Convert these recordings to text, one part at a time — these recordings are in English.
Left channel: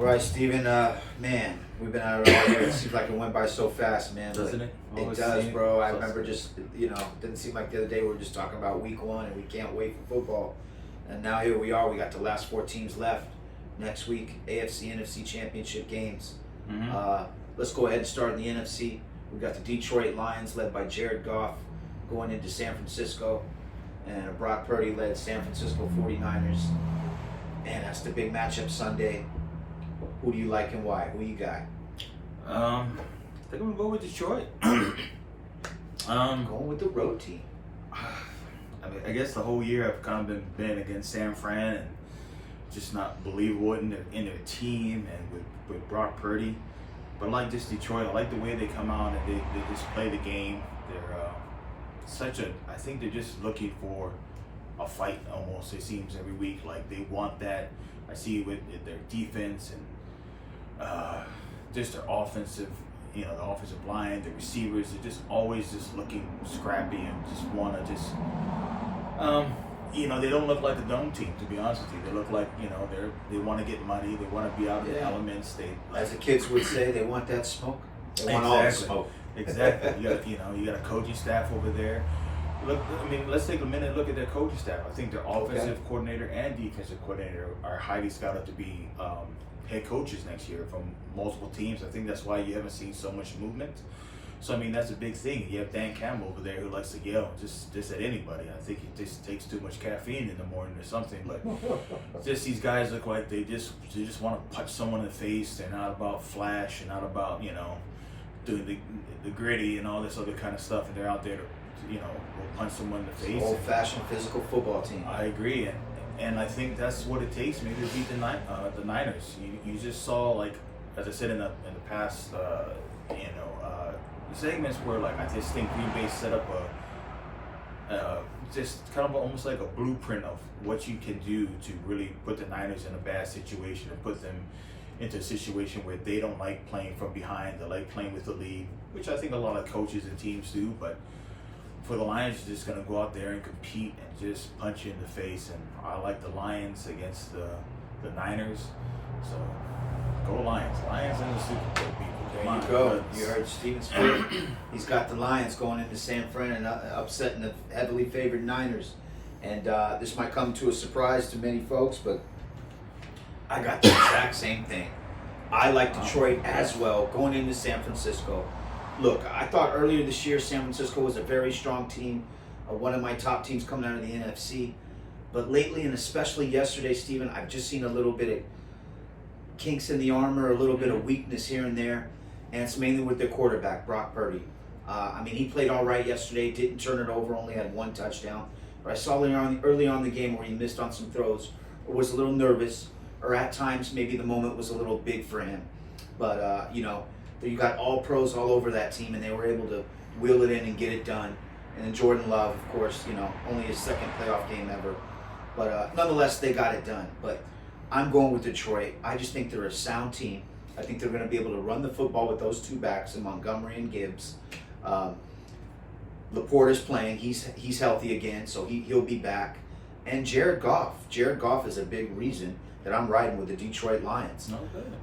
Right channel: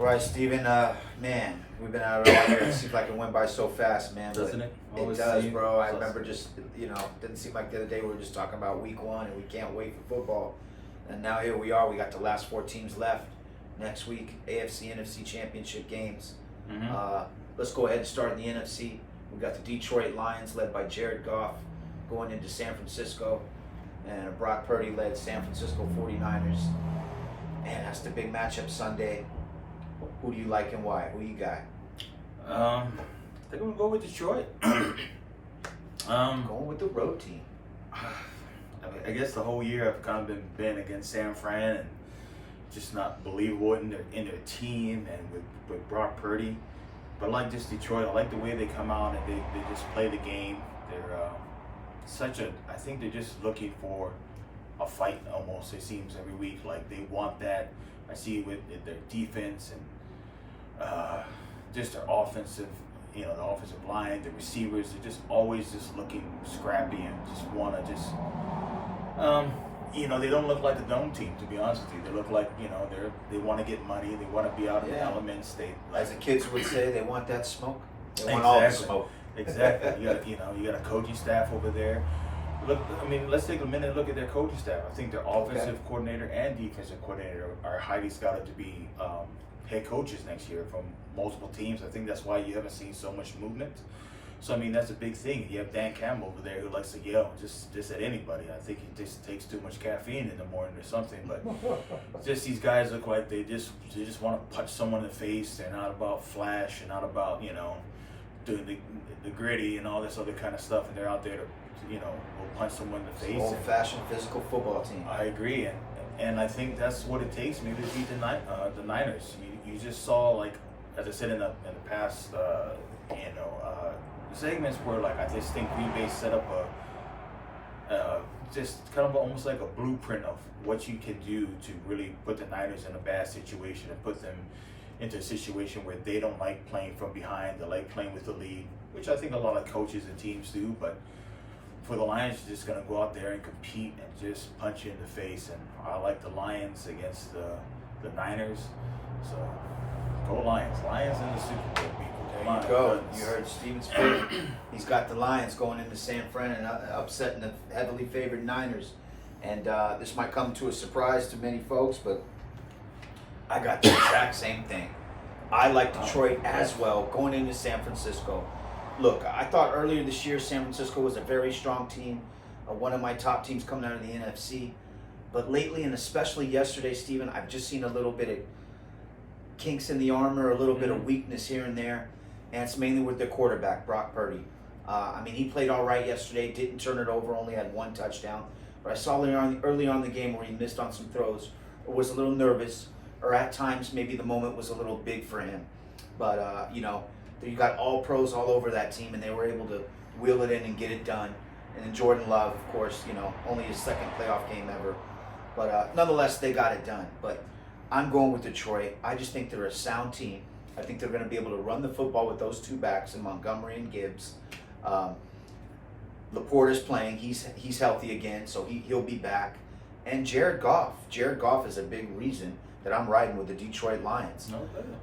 All right, Steven. Man, we've been out of here. It seems like it went by so fast, man. Doesn't it? It Always does, seems bro. I fast. remember just, didn't seem like the other day we were just talking about week one and we can't wait for football. And now here we are. We got the last 4 teams left next week. AFC, NFC championship games. Let's go ahead and start in the NFC. We've got the Detroit Lions led by Jared Goff going into San Francisco. And Brock Purdy led San Francisco 49ers. And that's the big matchup Sunday. Who do you like and why? Who you got? I think we'll go with Detroit. Going with the road team. I guess the whole year I've kind of been against San Fran and just not believable in their team and with Brock Purdy. But I like this Detroit. I like the way they come out and they just play the game. They're I think they're just looking for a fight almost, it seems, every week. Like they want that. I see with their defense and just their offensive, the offensive line, the receivers, they're just always just looking scrappy and just want to just, they don't look like a dome team, to be honest with you. They look like, they want to get money, they want to be out in the elements. As the kids would say, they want that smoke. They want all the smoke. Exactly. You got a coaching staff over there. Look, let's take a minute and look at their coaching staff. I think their offensive coordinator and defensive coordinator are highly scouted to be head coaches next year from multiple teams. I think that's why you haven't seen so much movement. So, that's a big thing. You have Dan Campbell over there who likes to yell just at anybody. I think he just takes too much caffeine in the morning or something. But just these guys look like they just want to punch someone in the face. They're not about flash and not about, doing the gritty and all this other kind of stuff. And they're out there to, go punch someone in the face. Old-fashioned physical football team. I agree. And I think that's what it takes maybe to beat the Niners. You just saw, like, as I said in the past, segments where, like, I just think Green Bay set up just kind of almost like a blueprint of what you can do to really put the Niners in a bad situation and put them into a situation where they don't like playing from behind, they like playing with the lead, which I think a lot of coaches and teams do. But for the Lions, you're just going to go out there and compete and just punch you in the face. And I like the Lions against the Niners. So go Lions. Lions in the Super Bowl, people. There you go. You heard Steven speak. He's got the Lions going into San Fran and upsetting the heavily favored Niners. And this might come to a surprise to many folks, but I got the exact same thing. I like Detroit as well going into San Francisco. Look, I thought earlier this year San Francisco was a very strong team, one of my top teams coming out of the NFC. But lately, and especially yesterday, Steven, I've just seen a little bit of kinks in the armor, a little bit of weakness here and there. And it's mainly with their quarterback, Brock Purdy. He played all right yesterday, didn't turn it over, only had 1 touchdown. But I saw early on in the game where he missed on some throws, or was a little nervous, or at times maybe the moment was a little big for him. But, you got all pros all over that team, and they were able to wheel it in and get it done. And then Jordan Love, of course, only his 2nd playoff game ever. But nonetheless, they got it done. But I'm going with Detroit. I just think they're a sound team. I think they're going to be able to run the football with those 2 backs, in Montgomery and Gibbs. Laporta's playing. He's healthy again, so he'll be back. And Jared Goff. Jared Goff is a big reason that I'm riding with the Detroit Lions.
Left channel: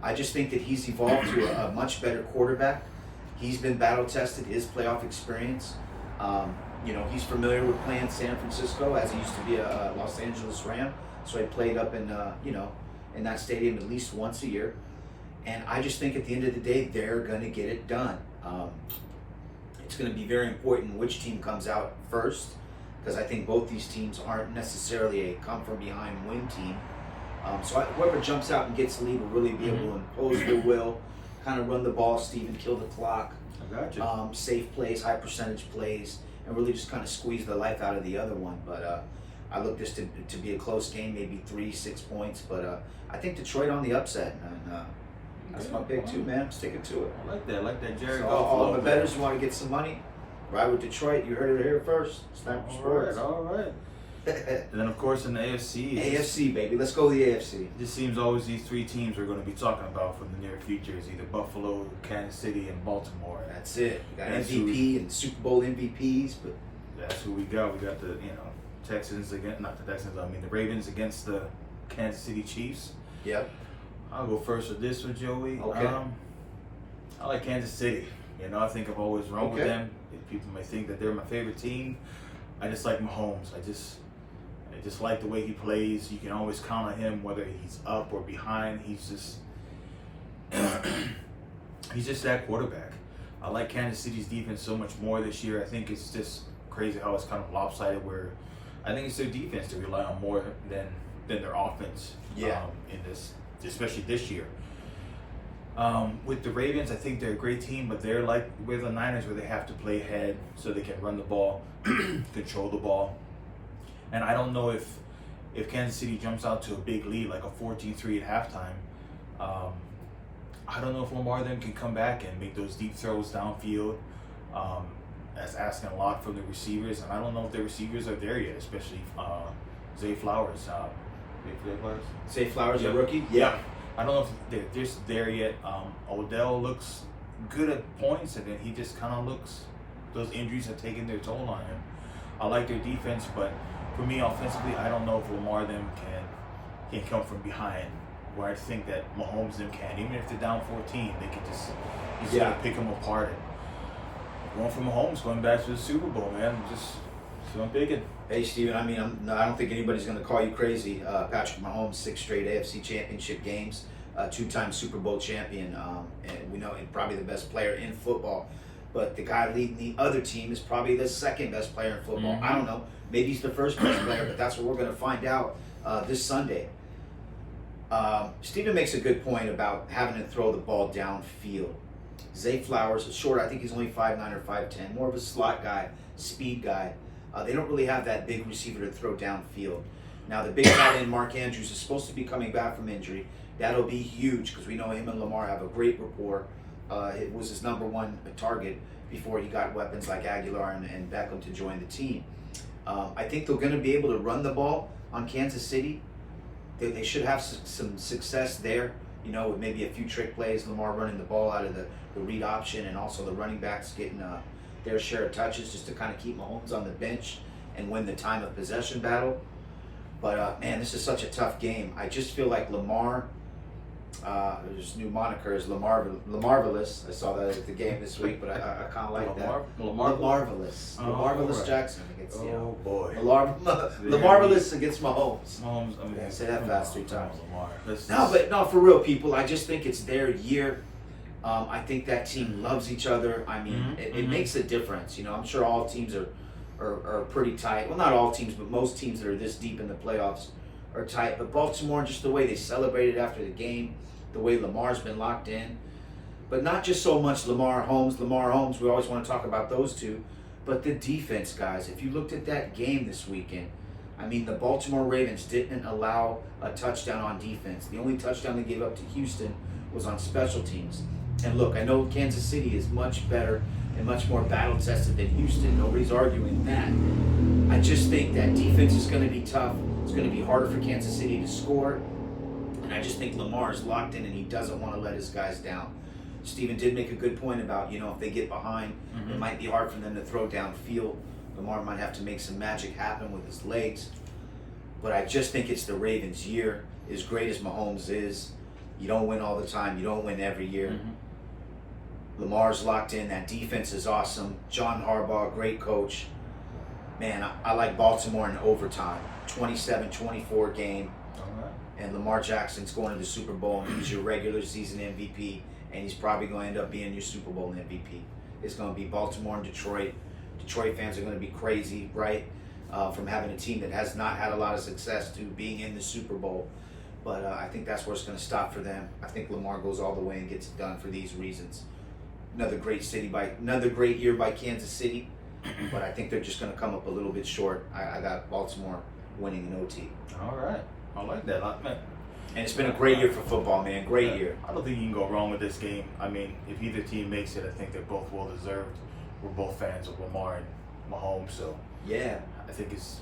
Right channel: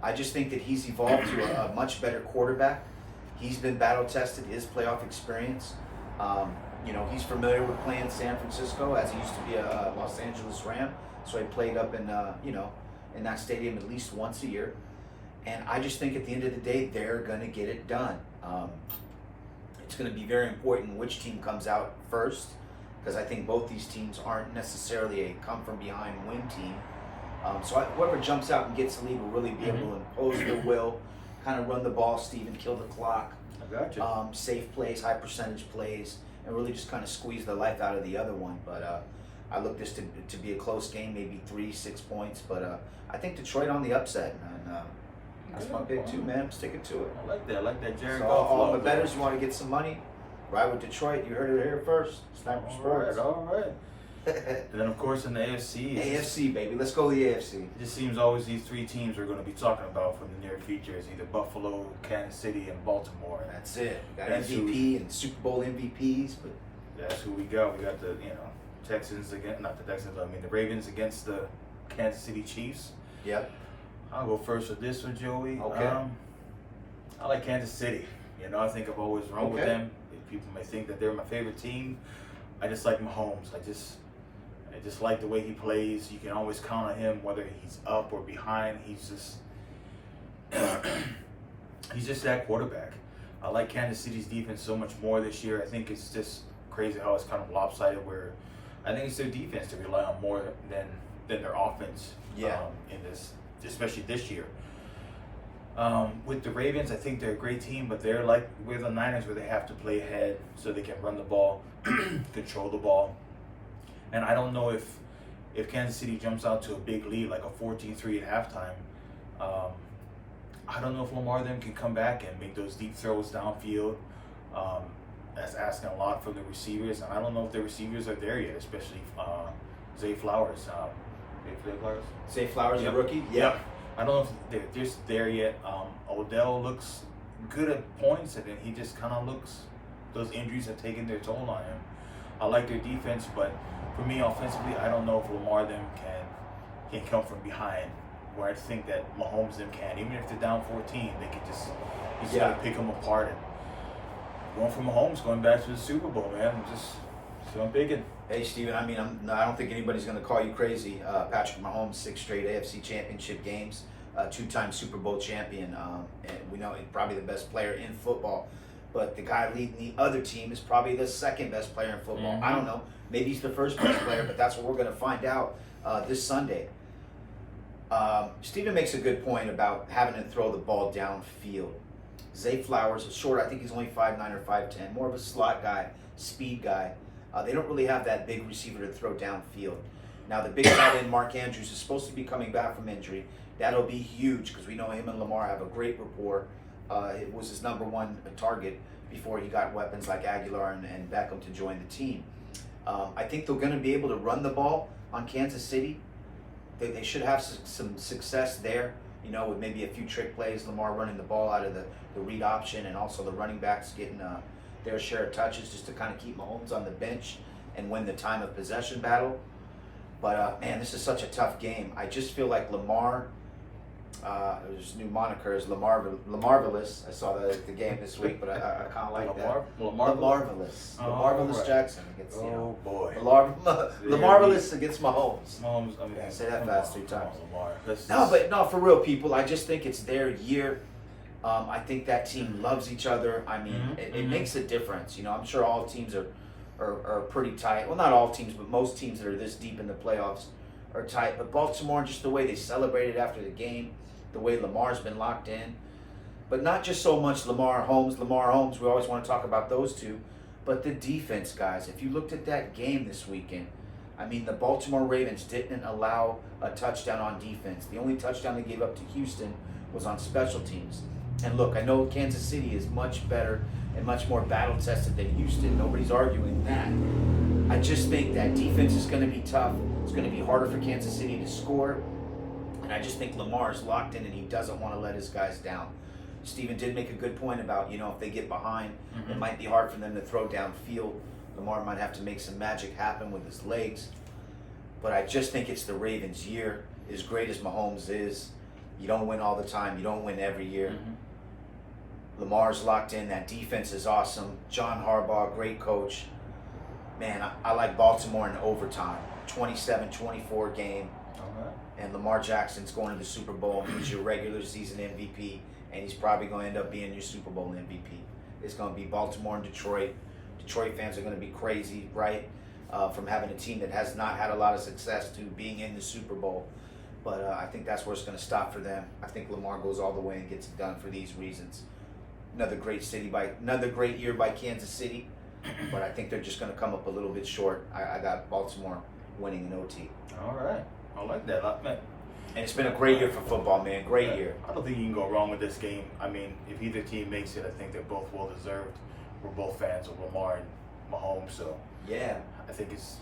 I just think that he's evolved to a much better quarterback. He's been battle-tested, his playoff experience. He's familiar with playing San Francisco, as he used to be a Los Angeles Ram. So he played up in, in that stadium at least once a year. And I just think at the end of the day, they're going to get it done. It's going to be very important which team comes out first, because I think both these teams aren't necessarily a come-from-behind win team. So whoever jumps out and gets the lead will really be able to impose their will, kind of run the ball, Steven, kill the clock. I got you. Safe plays, high percentage plays, and really just kind of squeeze the life out of the other one. But I look this to be a close game, maybe 3-6 points. But I think Detroit on the upset. And that's my pick too, man. Sticking to it. I like that. Jared So Goff. all the bettors who want to get some money, ride with Detroit. You heard it here first. Sniper Sports. All right. And then, of course, in the AFC. AFC, baby. Let's go to the AFC. It just seems always these 3 teams we're going to be talking about for the near future is either Buffalo, Kansas City, and Baltimore. That's it. We got That's MVP and Super Bowl MVPs, but that's who we got. We got the Texans against, not the Texans. The Ravens against the Kansas City Chiefs. yep. I'll go first with this one, Joey. Okay. I like Kansas City. You know, I think I've always run with Okay. them. People may think that they're my favorite team. I just like Mahomes. I just like the way he plays. You can always count on him, whether he's up or behind. He's just that quarterback. I like Kansas City's defense so much more this year. I think it's just crazy how it's kind of lopsided. Where I think it's their defense to rely on more than their offense. Yeah. In this, especially this year. With the Ravens, I think they're a great team, but they're like with the Niners, where they have to play ahead so they can run the ball, control the ball. And I don't know if Kansas City jumps out to a big lead, like a 14-3 at halftime. I don't know if Lamar then can come back and make those deep throws downfield. That's asking a lot from the receivers, and I don't know if the receivers are there yet, especially Zay Flowers. Zay Flowers? Zay Flowers, Yep. a rookie? Yep. I don't know if they're just there yet. Odell looks good at points, and then he just kind of looks, those injuries have taken their toll on him. I like their defense, but for me, offensively, I don't know if Lamar them can come from behind, where I think that Mahomes them can. Even if they're down 14, they can just, he's got to pick them apart. And one for Mahomes going back to the Super Bowl, man. So I'm thinking. Hey, Steven, I mean, I don't think anybody's going to call you crazy. Patrick Mahomes, 6 straight AFC Championship games, 2-time Super Bowl champion, and we know he's probably the best player in football. But the guy leading the other team is probably the second best player in football. Mm-hmm. I don't know. Maybe he's the first best player, but that's what we're going to find out this Sunday. Steven makes a good point about having to throw the ball downfield. Zay Flowers is short. I think he's only 5'9" or 5'10", more of a slot guy, speed guy. They don't really have that big receiver to throw downfield. Now, the big tight end, Mark Andrews, is supposed to be coming back from injury. That'll be huge because we know him and Lamar have a great rapport. It was his number one target before he got weapons like Aguilar and Beckham to join the team. I think they're going to be able to run the ball on Kansas City. They should have some success there, you know, with maybe a few trick plays, Lamar running the ball out of the read option, and also the running backs getting their share of touches just to kind of keep Mahomes on the bench and win the time of possession battle. But, man, this is such a tough game. I just feel like Lamar, his new moniker is Lamarvelous. I saw that at the game this week, but I kind of like that. Lamarvelous. Lamarvelous right. Jackson against, you know. Oh, boy. Lamarvelous against Mahomes. Mahomes, I mean, Yeah, say that fast 3 times. Lamar. No, for real, people. I just think it's their year. I think that team loves each other. I mean, it makes a difference. You know, I'm sure all teams are pretty tight. Well, not all teams, but most teams that are this deep in the playoffs are tight. But Baltimore, just the way they celebrated after the game, the way Lamar's been locked in. But not just so much Lamar Holmes. We always want to talk about those two. But the defense, guys. If you looked at that game this weekend, I mean, the Baltimore Ravens didn't allow a touchdown on defense. The only touchdown they gave up to Houston was on special teams. And look, I know Kansas City is much better and much more battle-tested than Houston. Nobody's arguing that. I just think that defense is going to be tough. It's going to be harder for Kansas City to score. And I just think Lamar is locked in and he doesn't want to let his guys down. Steven did make a good point about, you know, if they get behind, it might be hard for them to throw downfield. Lamar might have to make some magic happen with his legs. But I just think it's the Ravens' year. As great as Mahomes is, you don't win all the time. You don't win every year. Lamar's locked in. That defense is awesome. John Harbaugh, great coach. Man, I like Baltimore in overtime. 27-24 game. All right. And Lamar Jackson's going to the Super Bowl, and he's your regular season MVP, and he's probably going to end up being your Super Bowl MVP. It's going to be Baltimore and Detroit. Detroit fans are going to be crazy, right? From having a team that has not had a lot of success to being in the Super Bowl. But I think that's where it's going to stop for them. I think Lamar goes all the way and gets it done for these reasons. Another great year by Kansas City, but I think they're just going to come up a little bit short. I got Baltimore winning in OT. All right. I like that. Man. And it's been a great year for football, man. Great year. I don't think you can go wrong with this game. I mean, if either team makes it, I think they're both well deserved. We're both fans of Lamar and Mahomes, so Yeah. I think it's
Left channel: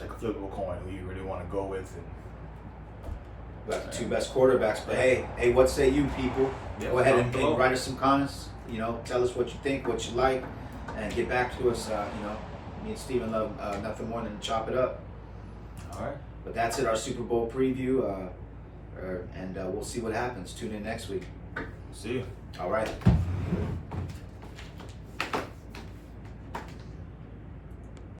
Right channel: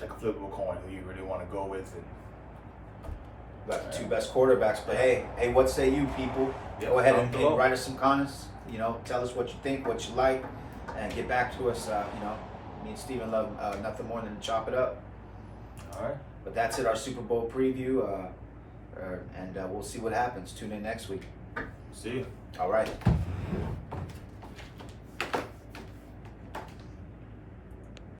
like a flip of a coin who you really want to go with. And Got the 2 best quarterbacks, but hey, what say you, people? Go ahead and write us some comments. You know, tell us what you think, what you like, and get back to us. You know, me and Steven love nothing more than to chop it up. all right. But that's it, our Super Bowl preview. and we'll see what happens. Tune in next week. See you. All right.